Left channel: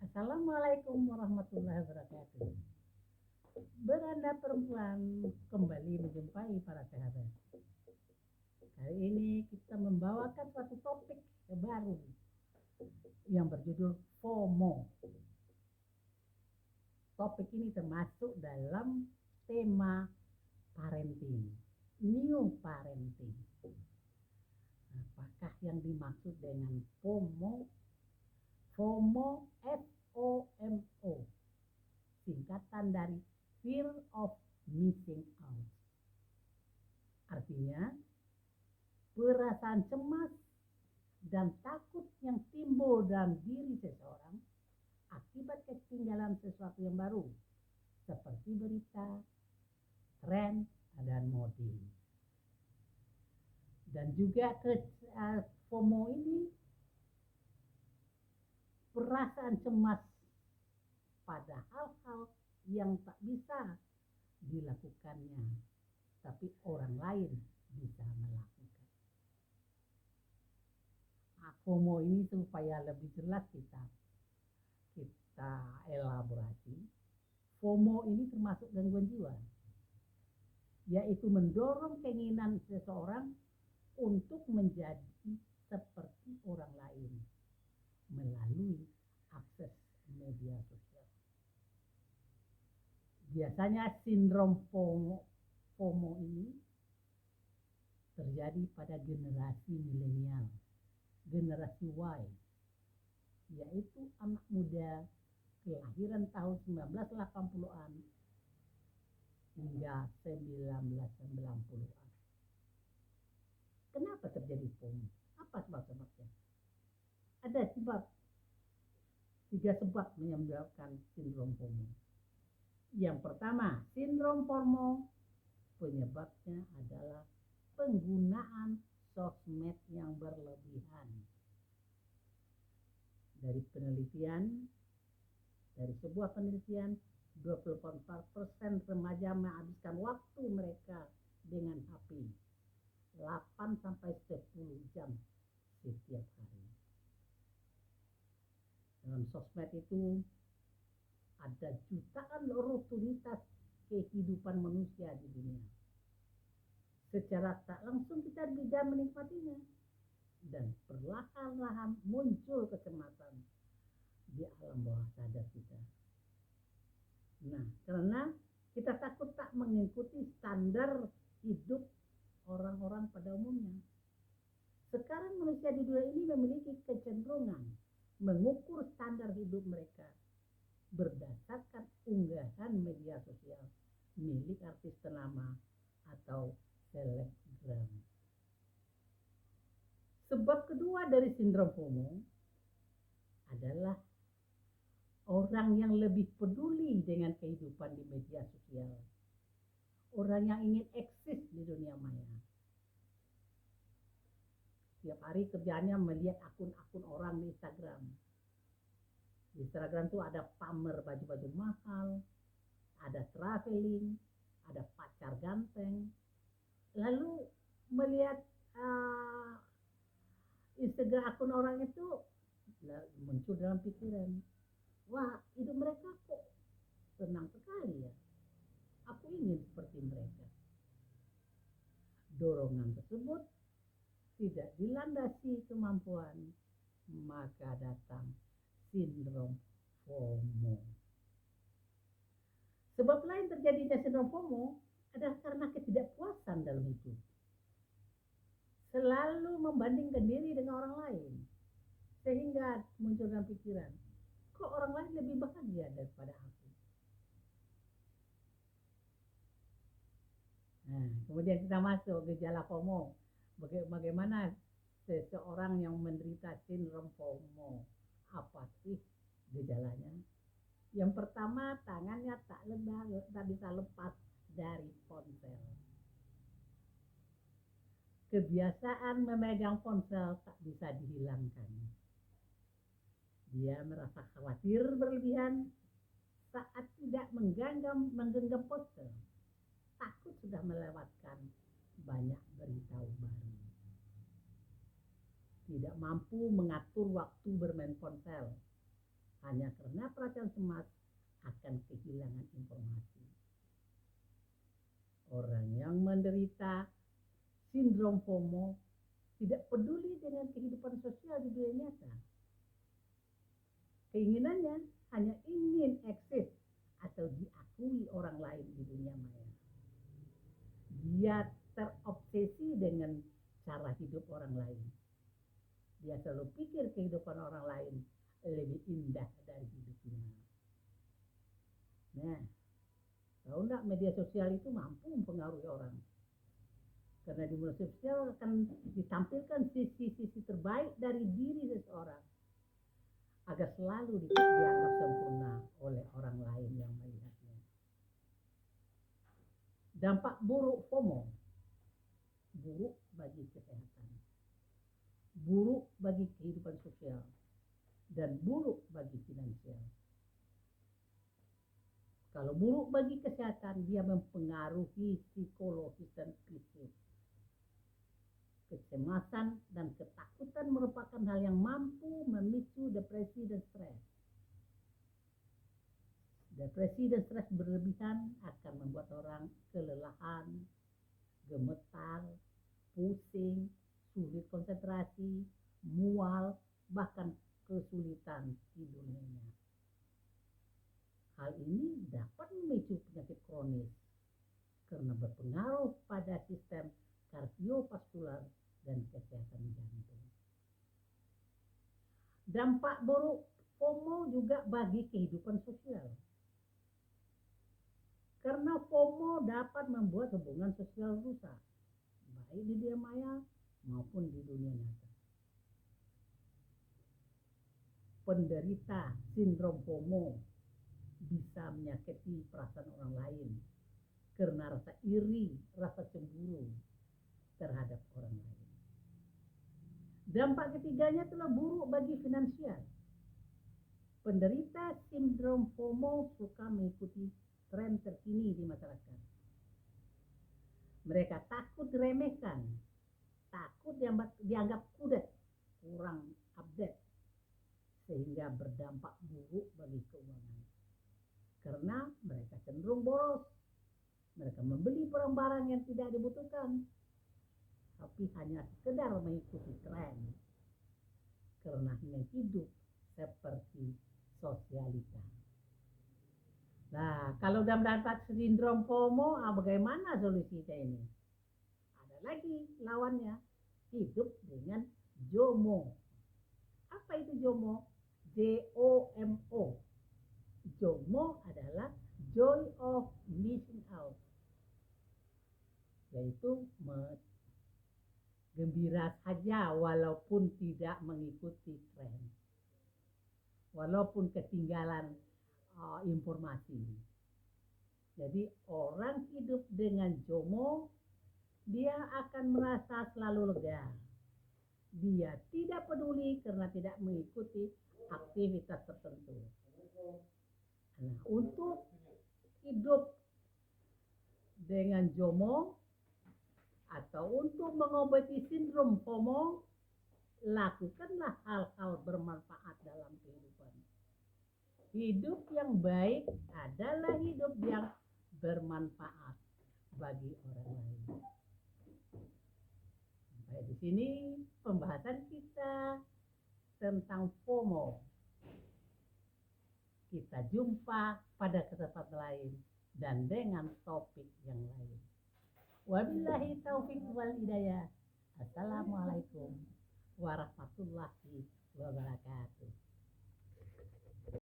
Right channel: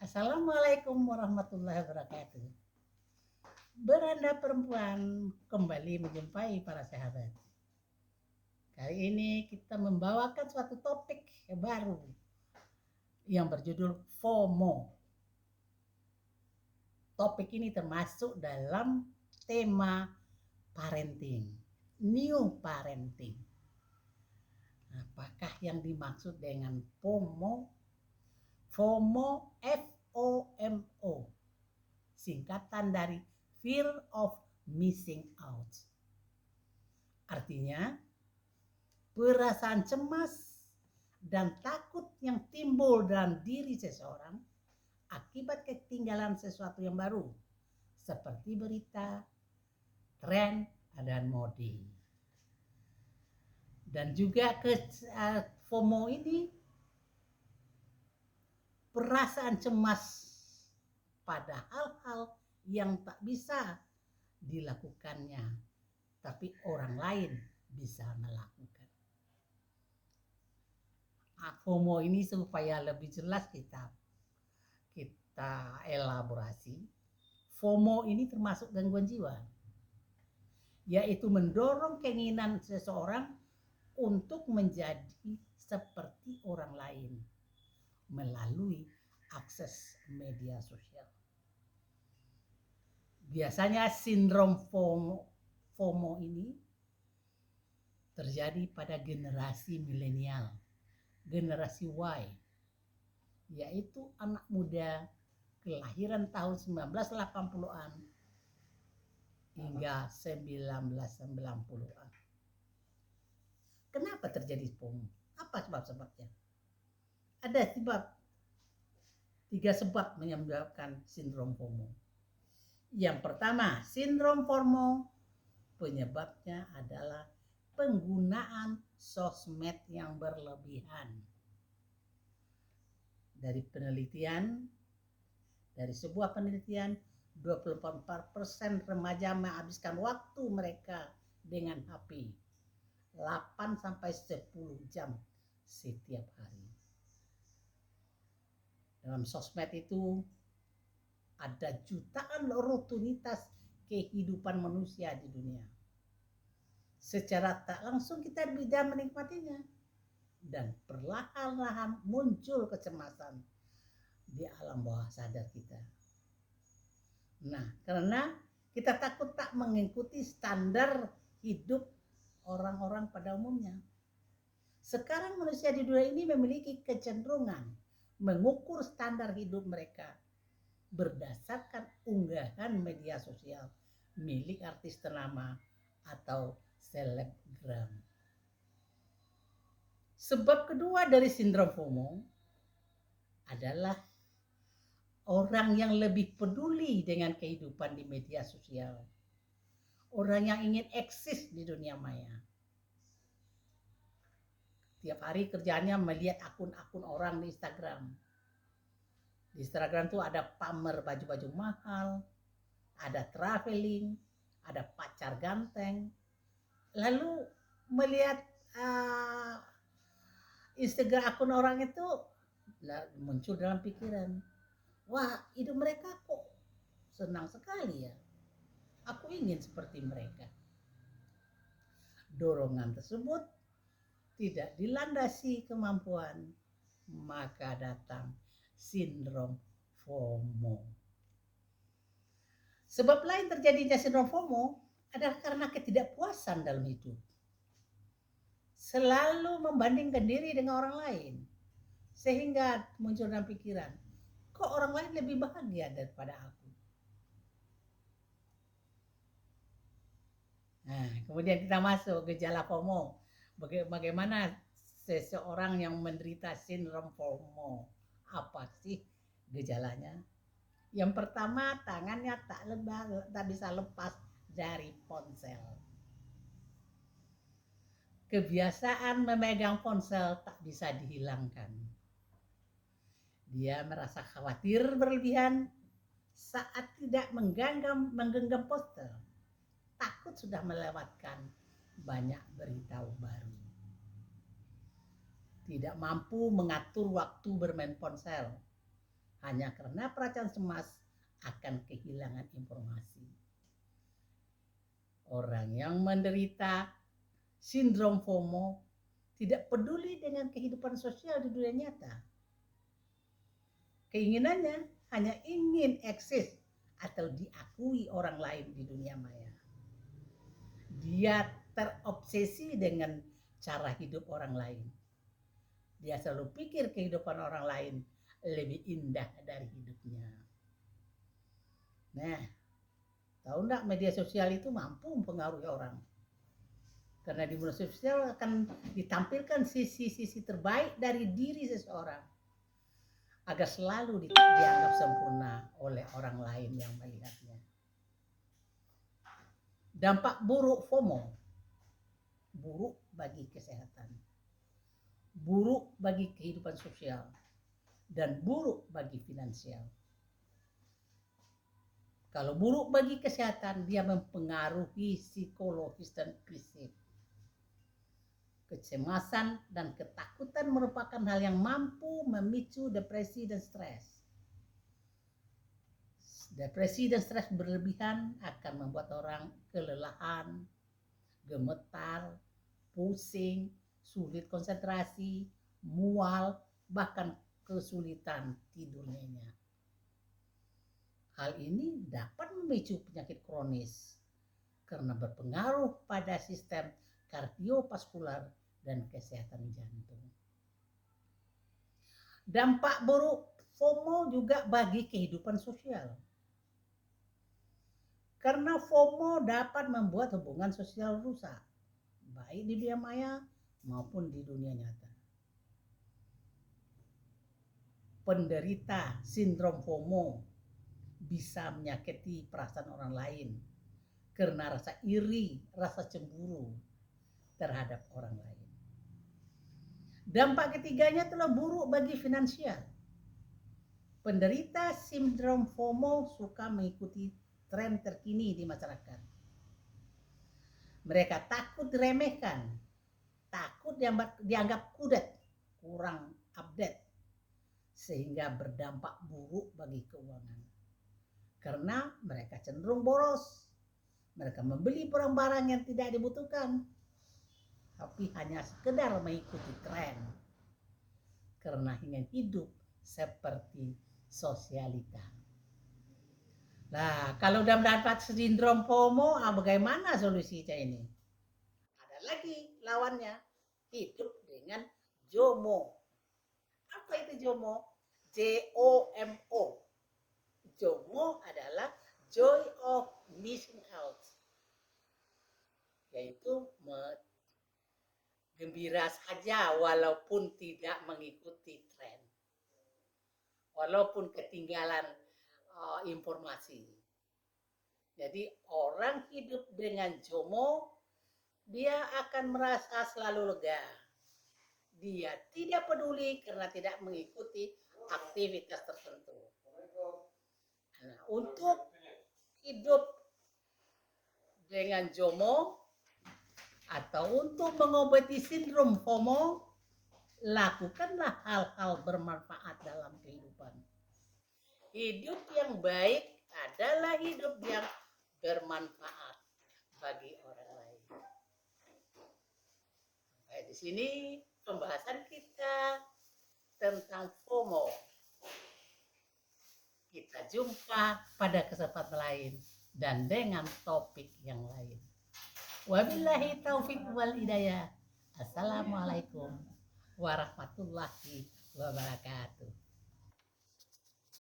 Assalamualaikum warahmatullahi wabarakatuh. Beranda perempuan kembali menjumpai para sahabat. Kali ini kita membawakan suatu topik baru yang berjudul FOMO. Topik ini termasuk dalam tema parenting, new parenting. Apakah yang dimaksud dengan FOMO? FOMO, FOMO, singkatan dari fear of missing out. Artinya, perasaan cemas dan takut yang timbul dalam diri seseorang akibat ketinggalan sesuatu yang baru, seperti berita, tren, dan mode. Dan juga FOMO ini perasaan cemas pada hal-hal yang tak bisa dilakukannya, tapi orang lain bisa melakukan. FOMO ini supaya lebih jelas kita elaborasi. FOMO ini termasuk gangguan jiwa, yaitu mendorong keinginan seseorang untuk menjadi seperti orang lain melalui akses media sosial. Biasanya sindrom FOMO ini terjadi pada generasi milenial, generasi Y, yaitu anak muda kelahiran tahun 1980-an hingga 1990-an. Kenapa terjadi FOMO? Apa sebab-sebabnya? Ada tiga sebab menyebabkan sindrom FOMO. Yang pertama, sindrom FOMO penyebabnya adalah penggunaan sosmed yang berlebihan. Dari sebuah penelitian, 24% remaja menghabiskan waktu mereka dengan HP 8-10 jam setiap hari. Dalam sosmed itu ada jutaan rutinitas kehidupan manusia di dunia. Secara tak langsung kita bisa menikmatinya, dan perlahan-lahan muncul kecemasan di alam bawah sadar kita. Nah, karena kita takut tak mengikuti standar hidup orang-orang pada umumnya. Sekarang manusia di dunia ini memiliki kecenderungan mengukur standar hidup mereka berdasarkan unggahan media sosial milik artis ternama atau selebgram. Sebab kedua dari sindrom FOMO adalah orang yang lebih peduli dengan kehidupan di media sosial. Orang yang ingin eksis di dunia maya. Tiap hari kerjanya melihat akun-akun orang di Instagram. Di Instagram tuh ada pamer baju-baju mahal, ada traveling, ada pacar ganteng. Lalu melihat Instagram akun orang itu muncul dalam pikiran, wah, hidup mereka kok senang sekali ya. Aku ingin seperti mereka. Dorongan tersebut tidak dilandasi kemampuan, maka datang sindrom FOMO. Sebab lain terjadinya sindrom FOMO adalah karena ketidakpuasan dalam hidup. Selalu membandingkan diri dengan orang lain, sehingga muncul dalam pikiran, kok orang lain lebih bahagia daripada aku. Nah, kemudian kita masuk gejala FOMO. Bagaimana seseorang yang menderita sindrom FOMO? Apa sih gejalanya? Yang pertama, tangannya tak bisa lepas dari ponsel. Kebiasaan memegang ponsel tak bisa dihilangkan. Dia merasa khawatir berlebihan saat tidak menggenggam ponsel. Takut sudah melewatkan banyak berita baru. Tidak mampu mengatur waktu bermain ponsel. hanya karena perasaan cemas akan kehilangan informasi. Orang yang menderita sindrom FOMO tidak peduli dengan kehidupan sosial di dunia nyata. Keinginannya hanya ingin eksis atau diakui orang lain di dunia maya. Dia terobsesi dengan cara hidup orang lain. Dia selalu pikir kehidupan orang lain lebih indah dari hidupnya. Nah, tahu enggak media sosial itu mampu mempengaruhi orang. Karena di media sosial akan ditampilkan sisi-sisi terbaik dari diri seseorang agar selalu dianggap sempurna oleh orang lain yang melihatnya. Dampak buruk FOMO, buruk bagi kesehatan, buruk bagi kehidupan sosial, dan buruk bagi finansial. Kalau buruk bagi kesehatan, dia mempengaruhi psikologis dan fisik. Kecemasan dan ketakutan merupakan hal yang mampu memicu depresi dan stres. Depresi dan stres berlebihan akan membuat orang kelelahan, gemetar, pusing, sulit konsentrasi, mual, bahkan kesulitan tidur nyenyak. Hal ini dapat memicu penyakit kronis karena berpengaruh pada sistem kardiovaskular dan kesehatan jantung. Dampak buruk FOMO juga bagi kehidupan sosial. Karena FOMO dapat membuat hubungan sosial rusak, baik di dunia maya maupun di dunia nyata. Penderita sindrom FOMO bisa menyakiti perasaan orang lain karena rasa iri, rasa cemburu terhadap orang lain. Dampak ketiganya telah buruk bagi finansial. Penderita sindrom FOMO suka mengikuti tren terkini di masyarakat. Mereka takut diremehkan, takut dianggap kudet, kurang update, sehingga berdampak buruk bagi keuangan. Karena mereka cenderung boros, mereka membeli barang-barang yang tidak dibutuhkan, tapi hanya sekedar mengikuti tren karena ingin hidup seperti sosialita. Nah, kalau udah mendapat sindrom FOMO, bagaimana solusinya ini? Ada lagi lawannya, hidup dengan JOMO. Apa itu JOMO? JOMO. JOMO adalah joy of missing out, yaitu gembira saja walaupun tidak mengikuti tren, walaupun ketinggalan informasi. Jadi orang hidup dengan JOMO, dia akan merasa selalu lega. Dia tidak peduli karena tidak mengikuti aktivitas tertentu. Nah, untuk hidup dengan JOMO atau untuk mengobati sindrom FOMO, lakukanlah hal-hal bermanfaat dalam kehidupan. Hidup yang baik adalah hidup yang bermanfaat bagi orang lain. Sampai di sini pembahasan kita tentang FOMO. Kita jumpa pada kesempatan lain dan dengan topik yang lain. Wabillahi taufiq wal hidayah. Assalamualaikum warahmatullahi wabarakatuh.